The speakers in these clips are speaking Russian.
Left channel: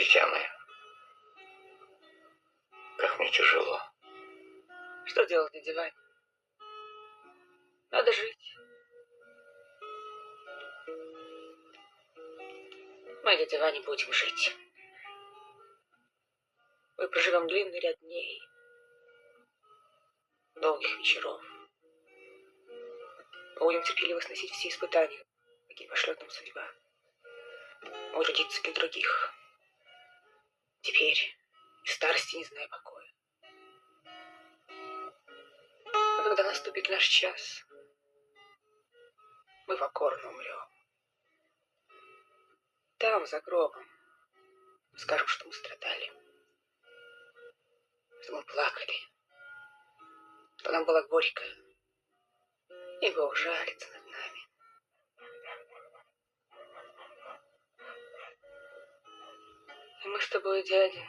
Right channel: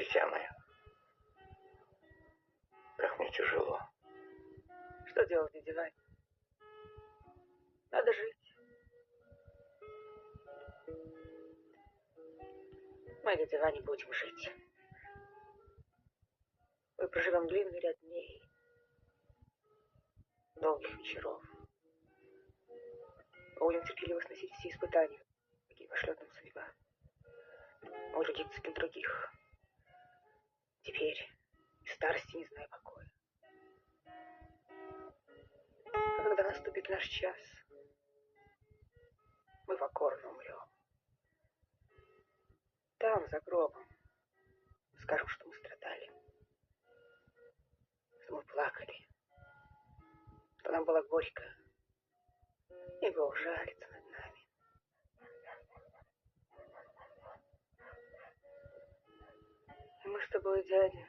Дитя мое, как мне тяжело. Что делать на диване? Надо жить. Мы на диване будем жить. Мы проживем длинный ряд дней, долгих вечеров. Мы будем терпеливо сносить все испытания, какие пошлет нам судьба. Мы трудиться для других. Теперь и в старости не зная покоя. А когда наступит наш час, мы покорно умрем. Там, за гробом, мы скажем, что мы страдали, что мы плакали, что нам было горько, и Бог жалится над нами. И мы с тобой, дядя,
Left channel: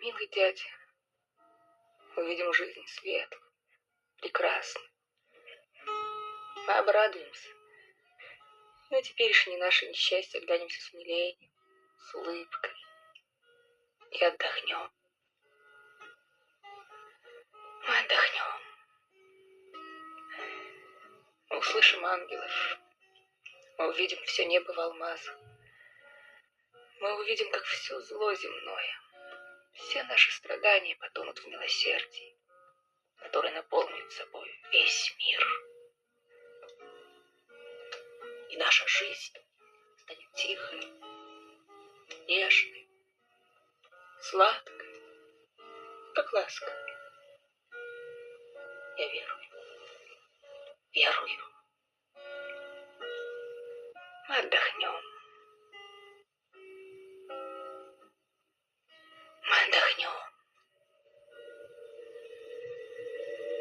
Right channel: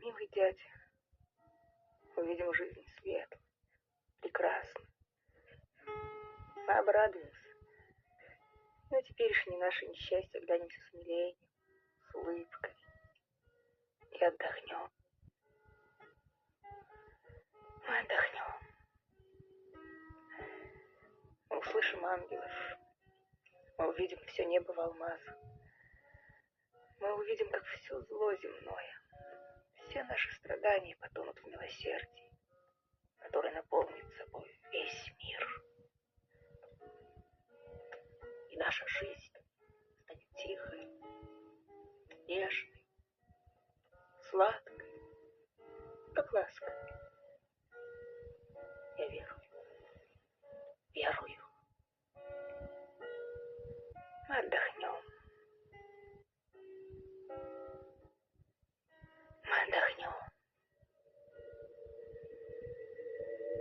милый дядя, увидим жизнь светлую, прекрасную. Мы обрадуемся. И на теперешнее наше несчастье глянемся с умилением, с улыбкой и отдохнем. Мы отдохнем. Мы услышим ангелов. Мы увидим все небо в алмазах. Мы увидим, как все зло земное, все наши страдания потонут в милосердии, которое наполнит собой весь мир. И наша жизнь станет тихой, нежной, сладкой, как ласка. Я верую. Верую. Мы отдохнем.